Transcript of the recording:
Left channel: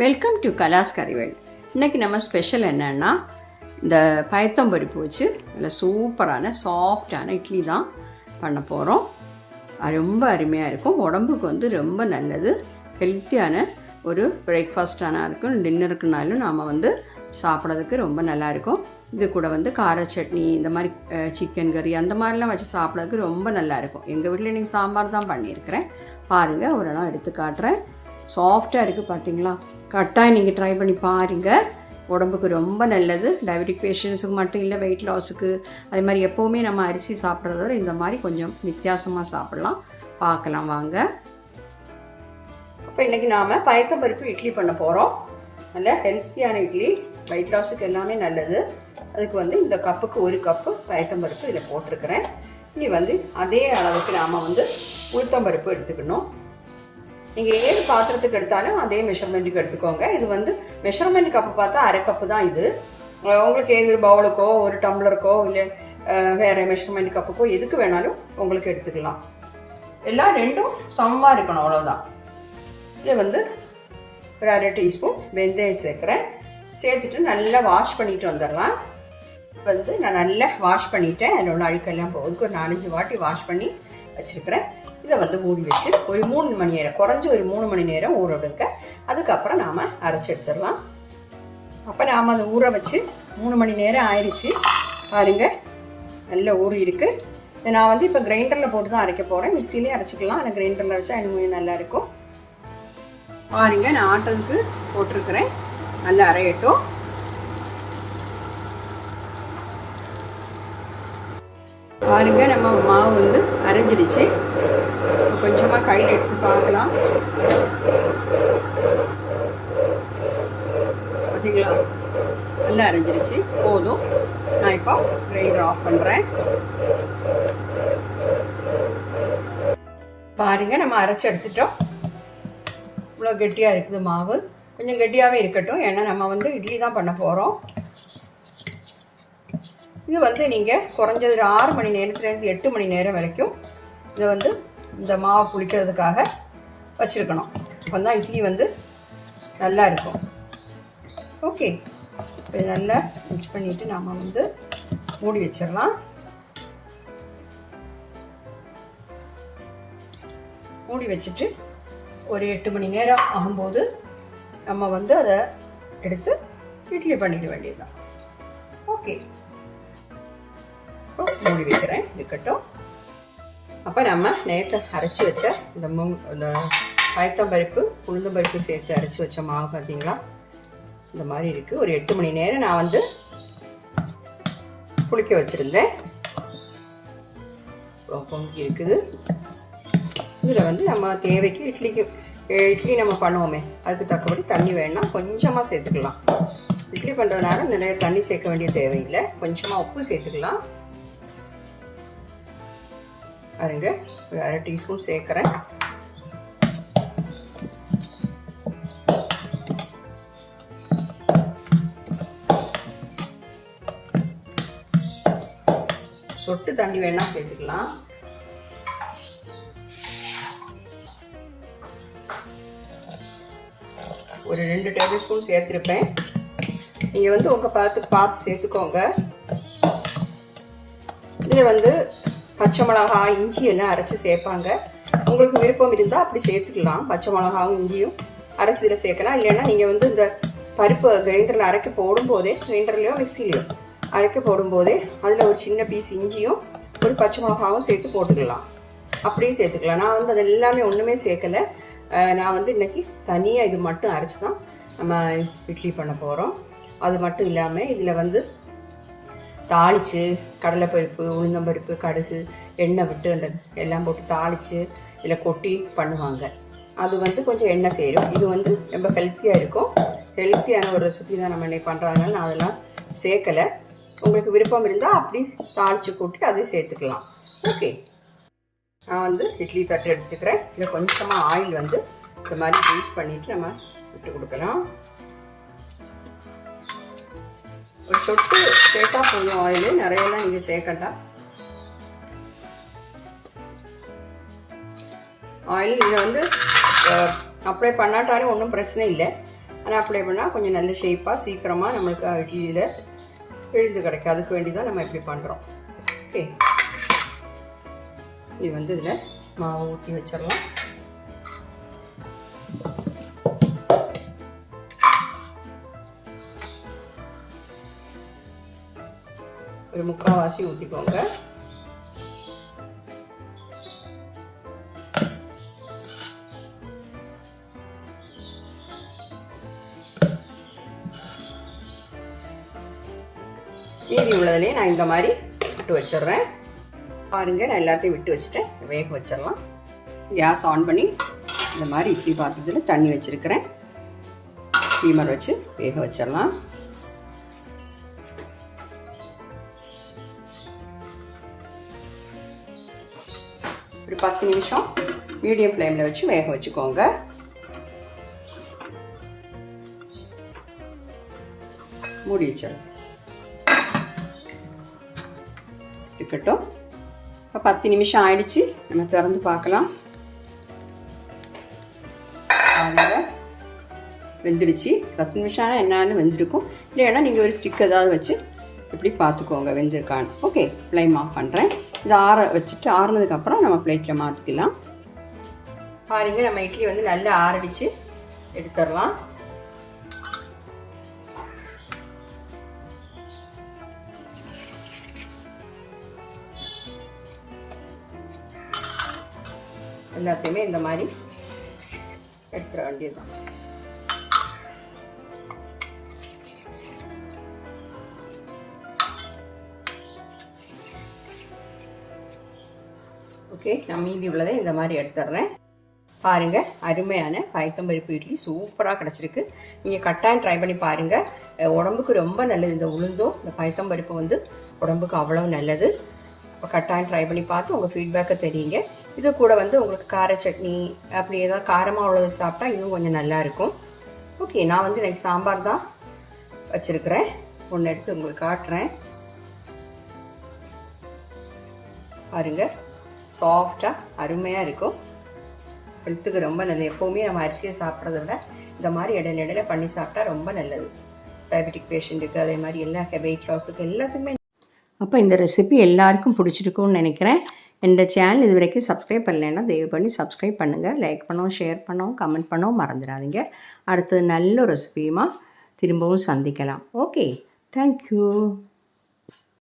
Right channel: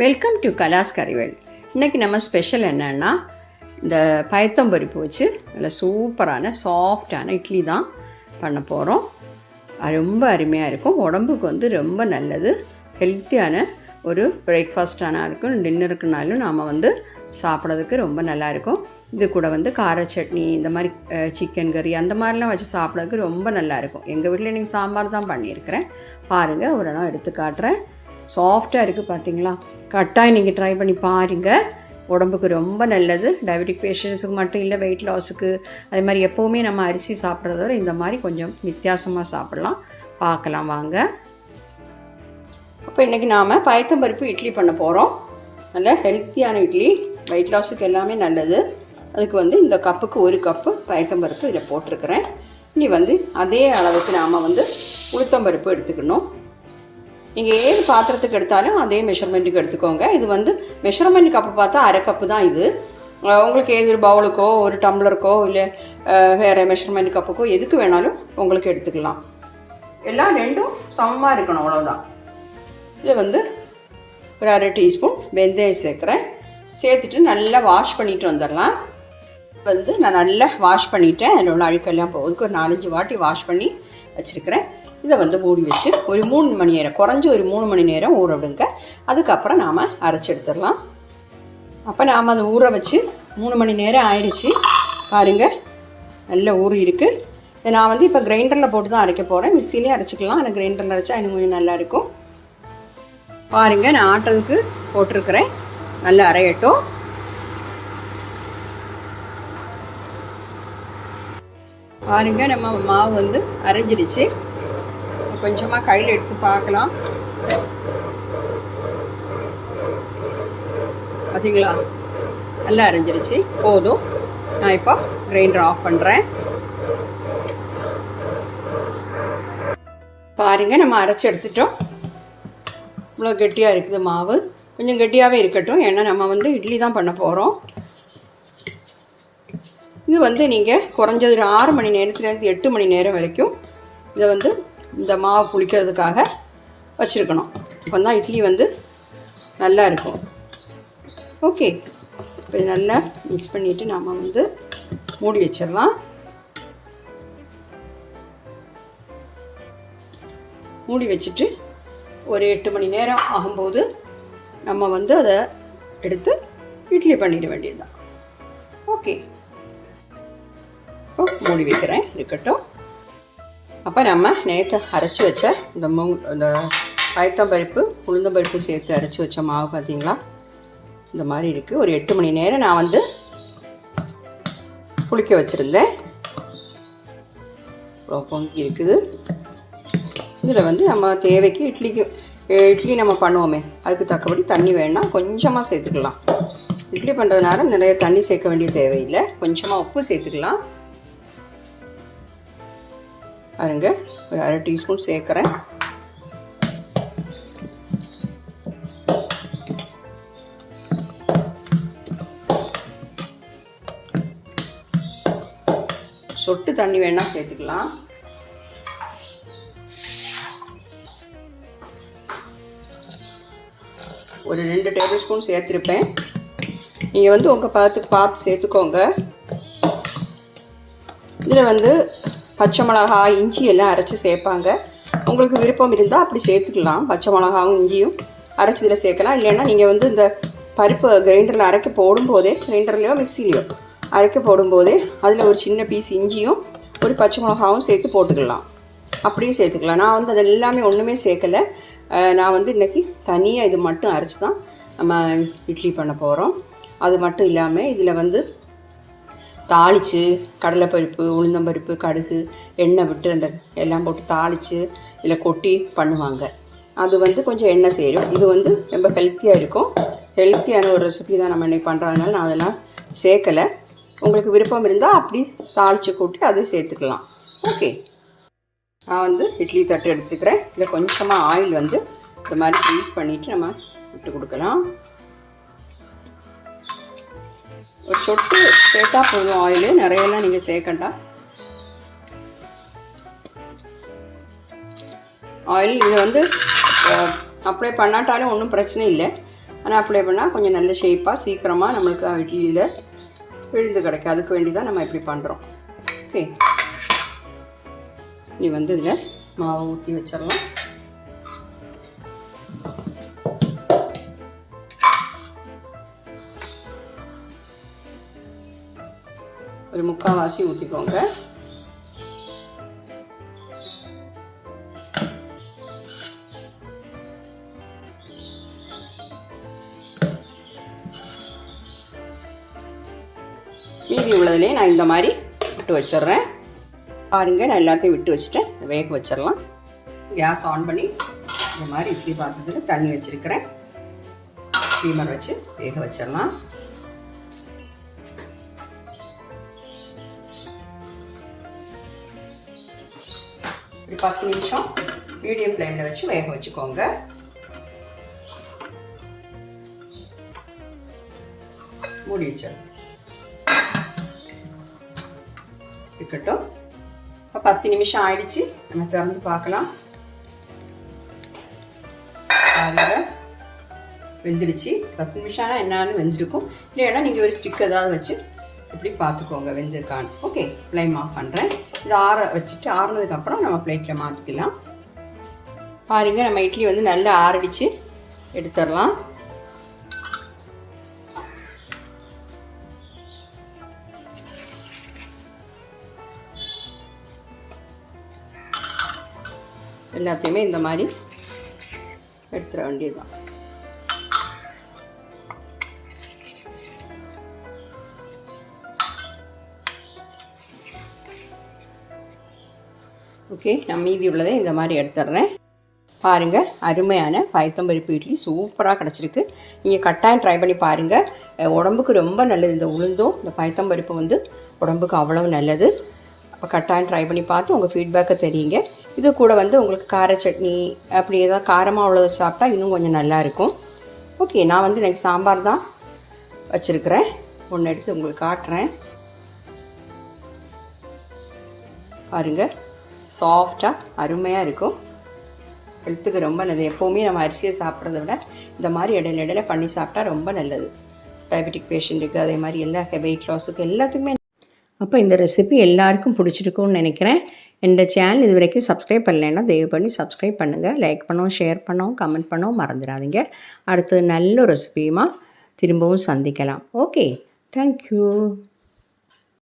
Welcome to கலாஸ் கறிவேல் இன்றைக்கி நம்ம special என்னென்னா இந்த பயத்தம்பருப்பு வச்சு நல்ல சூப்பரான சாஃப்டான இட்லி தான் பண்ண போகிறோம் அது ரொம்ப அருமையாக இருக்கும். உடம்புக்கு வந்து ரொம்ப நல்லது. ஹெல்த்தியான ஒரு பிரேக்ஃபாஸ்டானா இருக்கும். டின்னருக்குனாலும் நாம் வந்து சாப்பிட்றதுக்கு ரொம்ப நல்லா இருக்கும். இது கூட வந்து கார சட்னி இந்த மாதிரி சிக்கன் கறி அந்த மாதிரிலாம் வச்சு சாப்பிட்றதுக்கு ரொம்ப நல்லாயிருக்கும் எங்கள் வீட்டில் இன்றைக்கி சாம்பார் தான் பண்ணியிருக்கிறேன். பாருங்கள் ஒரு இடம் எடுத்து காட்டுறேன். சாஃப்டாக இருக்குது பார்த்தீங்களா கட்டாயம் நீங்கள் ட்ரை பண்ணி பாருங்கள் உடம்புக்கு ரொம்ப நல்லது. டயபெட்டிக் பேஷண்ட்ஸுக்கு மட்டும் இல்லை வெயிட் லாஸுக்கு அதே மாதிரி எப்போவுமே நம்ம அரிசி சாப்பிட்றத விட இந்த மாதிரி கொஞ்சம் வித்தியாசமாக சாப்பிட்லாம். பார்க்கலாம் வாங்க. இப்போ இன்றைக்கி நாம் பயத்தம்பருப்பு இட்லி பண்ண போகிறோம் நல்ல ஹெல்த்தியான இட்லி. வெயிட் லாஸுக்கு எல்லாமே நல்லது. அதுக்கு வந்து இந்த கப்புக்கு ஒரு கப்பு பயத்தம்பருப்பு இதில் போட்டிருக்கிறேன். இனி வந்து அதே அளவுக்கு நாம் வந்து உளுத்தம்பருப்பு எடுத்துக்கணும். நீங்கள் ஏது பாத்திரத்துக்கு எடுத்தாலும் அதே மெஷர்மெண்ட்டுக்கு எடுத்துக்கோங்க. இது வந்து மெஷர்மெண்ட் கப்பு பார்த்தா அரை கப்பு தான் இது. உங்களுக்கு ஏது ஒரு பவுலுக்கோ ஒரு டம்ளருக்கோ இல்லை வேறு மெஷர்மெண்ட் கப்புக்கோ எதுக்கு வேணாலும் உங்களுக்கு எடுத்துக்கலாம். எல்லாம் ரெண்டும் சமமாக இருக்கணும் அவ்வளோதான் இதில் வந்து ஒரு அரை டீஸ்பூன் வெந்தயம் சேர்க்குறேன். சேர்த்துட்டு நல்லா வாஷ் பண்ணிட்டு வந்துடலாம். வந்து நான் நல்லா வாஷ் பண்ணிட்டேன். அதில் உள்ள அழுக்கெல்லாம் போகுதுக்கு ஒரு நாலஞ்சு வாட்டி வாஷ் பண்ணி வச்சுருக்கிறேன். இதை வந்து மூடி வச்சு ஒரு மூணு மணி நேரம் குறைஞ்ச ஒரு மூணு மணி நேரம் ஊற விடுங்க. அதுக்கப்புறம் நாம் அரைச்சி எடுத்துடலாம். அப்போ நாம் அதை ஊற வச்சு மூணு மணி நேரம் ஆயிடுச்சு. பாருங்க நல்ல ஊறி இருக்குது இதை நான் வந்து இப்போ கிரைண்டரில் போட்டு தான் அரைக்க போகிறேன் மிக்சிலேயே அரைச்சிக்கலாம். ஆனால் கிரைண்டரில் அரைச்சா இன்னும் கொஞ்சம் நல்லா இருக்கும். பாருங்க நான் ஆட்டலுக்கு போட்டிருக்கிறேன். நல்லா அரையட்டும். பாருங்க நம்ம மாவு வந்து அரைஞ்சிடுச்சு. கொஞ்சமாக கையில் எடுத்து பார்க்கலாம். பார்த்தீங்களா நல்லா அரைஞ்சிருச்சு. போதும். நான் இப்போ கிரைண்டர் ஆஃப் பண்ணுறேன் பாருங்கள் நம்ம அரைச்சி எடுத்துட்டோம். இவ்வளோ கெட்டியாக இருக்குது மாவு. கொஞ்சம் கெட்டியாகவே இருக்கட்டும். ஏன்னா நம்ம வந்து இட்லி தான் பண்ண போகிறோம் இது வந்து நீங்கள் குறைஞ்சது ஒரு ஆறு மணி நேரத்துலேருந்து எட்டு மணி நேரம் வரைக்கும் இதை வந்து இந்த மாவு புளிக்கிறதுக்காக வச்சுருக்கணும். அப்போ தான் இட்லி வந்து நல்லா இருக்கும். ஓகே. இப்போ இது நல்லா மிக்ஸ் பண்ணிவிட்டு நாம் வந்து மூடி வச்சிடலாம். மூடி வச்சுட்டு ஒரு எட்டு மணி நேரம் ஆகும்போது நம்ம வந்து அதை எடுத்து இட்லி பண்ணிட வேண்டியதுதான். ஓகே. இப்போ மூடி வைக்கிறேன். இருக்கட்டும். அப்போ நம்ம நேற்று அரைச்சி வச்ச இந்த மூங் இந்த பயத்தம்பருப்பு உளுந்தம்பருப்பு சேர்த்து அரைச்சி வச்ச மாவு பார்த்தீங்களா இந்த மாதிரி இருக்குது ஒரு எட்டு மணி நேரம் நான் வந்து புளிக்க வச்சுருந்தேன். பொங்கி இருக்குது. இதில் வந்து நம்ம தேவைக்கு இட்லிக்கு ஏ, இட்லி நம்ம பண்ணுவோமே. அதுக்கு தக்கபடி தண்ணி வேணால் கொஞ்சமாக சேர்த்துக்கலாம். இட்லி பண்ணுறதுனால நிறைய தண்ணி சேர்க்க வேண்டிய தேவையில்லை. கொஞ்சமாக உப்பு சேர்த்துக்கலாம். பாருங்க ஒரு அரை டீஸ்பூன் சேர்க்குறேன். சொட்டு தண்ணி வேணால் சேர்த்துக்கலாம். ஒரு ரெண்டு டேபிள் ஸ்பூன் சேர்த்துருப்பேன். நீங்கள் வந்து உங்கள் பார்த்து பார்த்து சேர்த்துக்கோங்க. இதில் வந்து பச்சை மிளகாய் இஞ்சி எல்லாம் அரைச்சி சேர்ப்பாங்க. உங்களுக்கு விருப்பம் இருந்தால் அப்படி சேர்த்துக்கலாம். பச்சை மிளகாவும் இஞ்சியும் அரைச்சி இதில் சேர்க்கலாம். இல்லைன்னா நீங்கள் வந்து இந்த பருப்பு கிரைண்டரில் அரைக்க போடும்போதே கிரைண்டர்லையோ மிக்சிலையோ அரைக்க போடும்போதே அதில் ஒரு சின்ன பீஸ் இஞ்சியும் ஒரு பச்சை மிளகாவும் சேர்த்து போட்டுக்கலாம். அப்படியும் சேர்த்துக்கலாம். நான் வந்து அது எல்லாமே ஒன்றுமே சேர்க்கலை. நான் வந்து இன்றைக்கி தனியாக இது மட்டும் அரைச்சி தான் நம்ம இட்லி பண்ண போகிறோம் அது மட்டும் இல்லாமல் இதில் வந்து தாளித்து கடலைப்பருப்பு உளுந்தம்பருப்பு கடுகு எண்ணெய் விட்டு அந்த எல்லாம் போட்டு தாளித்து இதில் கொட்டி பண்ணுவாங்க. அது வந்து கொஞ்சம் எண்ணெய் சேரும். இது வந்து ரொம்ப ஹெல்த்தியாக இருக்கும். ஹெல்த்தியான ஒரு ரெசிபி தான் நம்ம இன்னைக்கு பண்ணுறதுனால நான் அதெல்லாம் சேர்க்கலை. உங்களுக்கு விருப்பம் இருந்தால் அப்படி தாளித்து கொட்டி அதை சேர்த்துக்கலாம். ஓகே நான் வந்து இட்லி தட்டு எடுத்துக்கிறேன். இதில் கொஞ்சமாக ஆயில் வந்து இந்த மாதிரி யூஸ் பண்ணிவிட்டு நம்ம விட்டு கொடுக்கலாம். ஒரு சொட்டு சேர்த்தா போதும். ஆயில் நிறையெல்லாம் நீங்கள் சேர்க்கண்டாம் ஆயில் இது வந்து அப்ளை பண்ணாட்டாலும் ஒன்றும் பிரச்சனை இல்லை. ஆனால் அப்ளை பண்ணால் கொஞ்சம் நல்ல ஷேப்பாக சீக்கிரமாக நம்மளுக்கு இட்லியில் விழுந்து கிடைக்கும் அதுக்கு வேண்டி தான் நம்ம இப்படி பண்ணுறோம் ஓகே நீ வந்து இதில் மாவு ஊற்றி வச்சிடலாம். ஒரு ஊற்றிக்கோங்க மீதி உள்ளதுலேயே நான் இந்த மாதிரி விட்டு வச்சிடுறேன். பாருங்கள் நான் எல்லாத்தையும் விட்டு வச்சுட்டேன். வேக வச்சிடலாம். கேஸ் ஆன் பண்ணி இந்த மாதிரி இட்லி பாத்திரத்தில் தண்ணி வச்சுருக்கிறேன். ஸ்டீமர் வச்சு வேக வச்சிடலாம். ஒரு பத்து நிமிஷம் மீடியம் ஃப்ளேமில் வச்சு வேக வச்சுக்கோங்க. மூடி வச்சிடலாம் இருக்கட்டும். இப்போ பத்து நிமிஷம் ஆயிடுச்சு. நம்ம திறந்து பார்க்கலாம். பாருங்க. வெந்துடுச்சு. பத்து நிமிஷம் ஆனால் என்னான்னு வெந்திருக்கும். இல்லைன்னா நீங்கள் ஒரு ஸ்டிக் ஏதாவது வச்சு இப்படி பார்த்துக்கோங்க வெந்திருக்கான்னு. ஓகே ஃப்ளைம் ஆஃப் பண்ணுறேன் இதை ஆற வச்சுட்டு ஆறுனதுக்கப்புறம் நம்ம பிளேட்டில் மாற்றிக்கலாம் பாருங்க நம்ம இட்லி வந்து நல்லா ஆறடிச்சு. எடுத்துடலாம். எல்லாத்தையுமே இந்த மாதிரி எடுத்துட வேண்டியதுதான். ஓகே நான் மீதி உள்ளதை இந்த மாதிரி எடுத்துடுறேன். பாருங்கள் அருமையான பயத்தம்பருப்பு இட்லி சூப்பராக கிடச்சிருக்கு. நீங்கள் கட்டாயம் ட்ரை பண்ணி பாருங்கள் உடம்புக்கு ரொம்ப நல்லது. இந்த உளுந்தும் இந்த பயத்தம்பருப்பு வந்து உடம்புக்கு அவ்வளவு நல்லது. அப்போ கட்டாயம் ட்ரை பண்ணி பார்த்து உங்கள் ஃபீட்பேக்கை தெரியுங்க. இது கூட வந்து உங்களுக்கு கார சட்னி அப்படி ஏதாவது காரமாக உள்ளது சாப்பிட்டா இன்னும் கொஞ்சம் நல்லா இருக்கும். ஓகே நான் வந்து எனக்கு சாம்பார் தான் வச்சுருக்கிறேன். ஒன்று எடுத்து உங்களுக்கு காட்டுறேன். பாருங்கள் சாஃப்டாக அருமையாக இருக்கும். ஹெல்த்துக்கு ரொம்ப நல்லது. எப்போவுமே நம்ம அரிசியை சாப்பிட்றத விட இந்த மாதிரி இடையில இடையில பண்ணி சாப்பிட்டா ரொம்ப நல்லது. டயபெட்டிக் பேஷண்ட்டுக்கு அதே மாதிரி எல்லா வெயிட் லாஸுக்கு எல்லாத்துக்குமே. அப்போ இந்த ரெசிபி எல்லாருக்கும் பிடிச்சிருக்கும்னு நினைக்கிறேன். இந்த சேனல் இது வரைக்கும் சப்ஸ்கிரைப் பண்ணலைன்னா தயவு பண்ணி சப்ஸ்கிரைப் பண்ணுங்கள் லைக் பண்ணவும் ஷேர் பண்ணவும் கமெண்ட் பண்ணவும் மறந்துடாதீங்க. அடுத்தது நல்ல ரெசிபியுமா திரும்பவும் சந்திக்கலாம். Okay thank you